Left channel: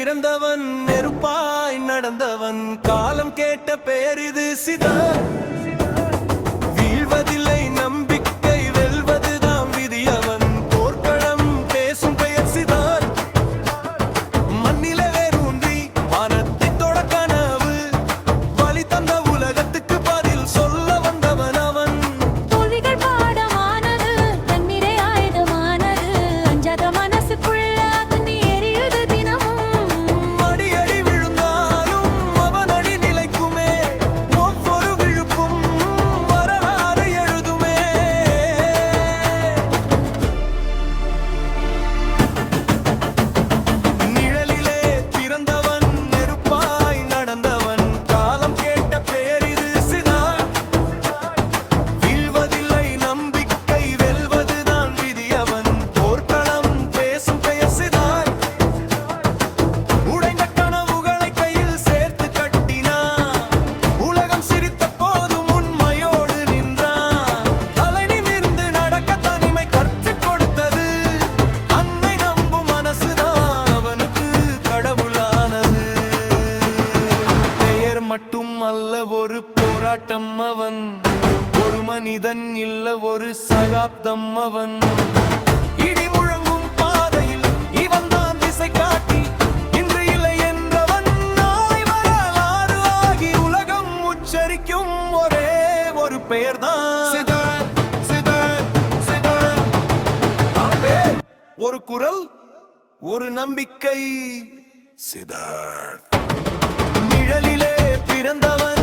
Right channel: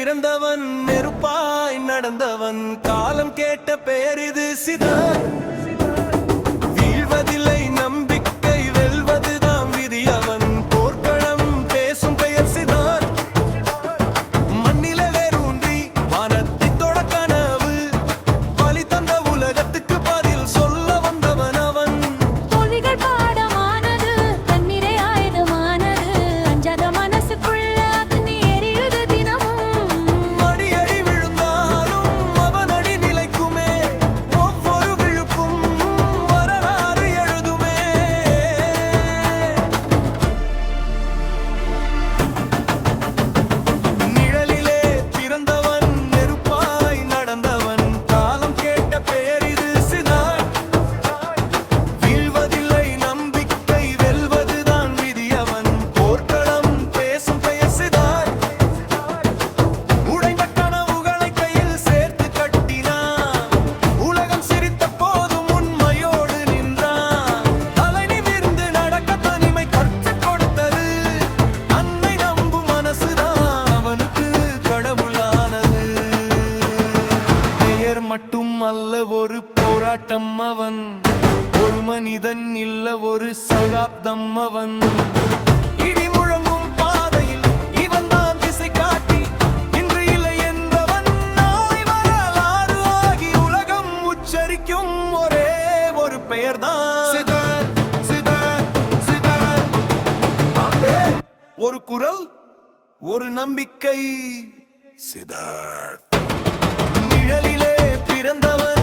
பிறந்தவன் நெருப்பாய் நடந்தவன் காலம் கேட்ட பெயர் இது சிதர் வீழ்வதில்லை நம்பிக்கை வெல்வதுதான் விதி அவன் போர்க்களம் பேசும் பெயர் சிதர் மண்ணில வேரூன்றி வானத்தை தொட கனவு வழி தந்த உலகத்துக்கு பதில் சொல்ல வந்தவன் அவன் தோல்விகள் பாடமானது தண்ணீரே ஆயுதமானது அஞ்சாத மனசுக்குள்ள அக்னி எரியுது தினமும் அடி விழுந்தாலும் அவன் அடி நிலைக்குமே ஒவ்வொரு விழுப்பும் வரலாறு எழுதுமே நிழலிலே பிறந்தவன் நெருப்பாய் நடந்தவன் காலம் கேட்ட பெயர் இது சிதாய் வீழ்வதில்லை நம்பிக்கை வெல்வதுதான் விதி அவன் போர்க்களம் பேசும் பெயர் சிதாய் உடைந்த கனவுகளை கையில் சேர்த்து கட்டினான் உலகம் சிரித்த போதும் உண்மையோடு நின்றான் தலை நிமிர்ந்து நடக்க தனிமை கற்றுக் கொடுத்தது அன்னை நம்பும் மனசுதான் அவனுக்கு கடவுளானது பெயர் மட்டும் அல்ல ஒரு போராட்டம் அவன் ஒரு மனிதன் இல்ல ஒரு சகாப்தம் அவன் இடி முழங்கும் பாதையில் இவன் தான் திசை காட்டி இன்று இல்லை என்றவன் நாளை வரலாறு ஆகி உலகம் உச்சரிக்கும் ஒரே ஒரு பெயர்தான் சிதர் சிதர் சிதர் ஒரு குரல் ஒரு நம்பிக்கை சிதர் நிழலிலே பிறந்தவன்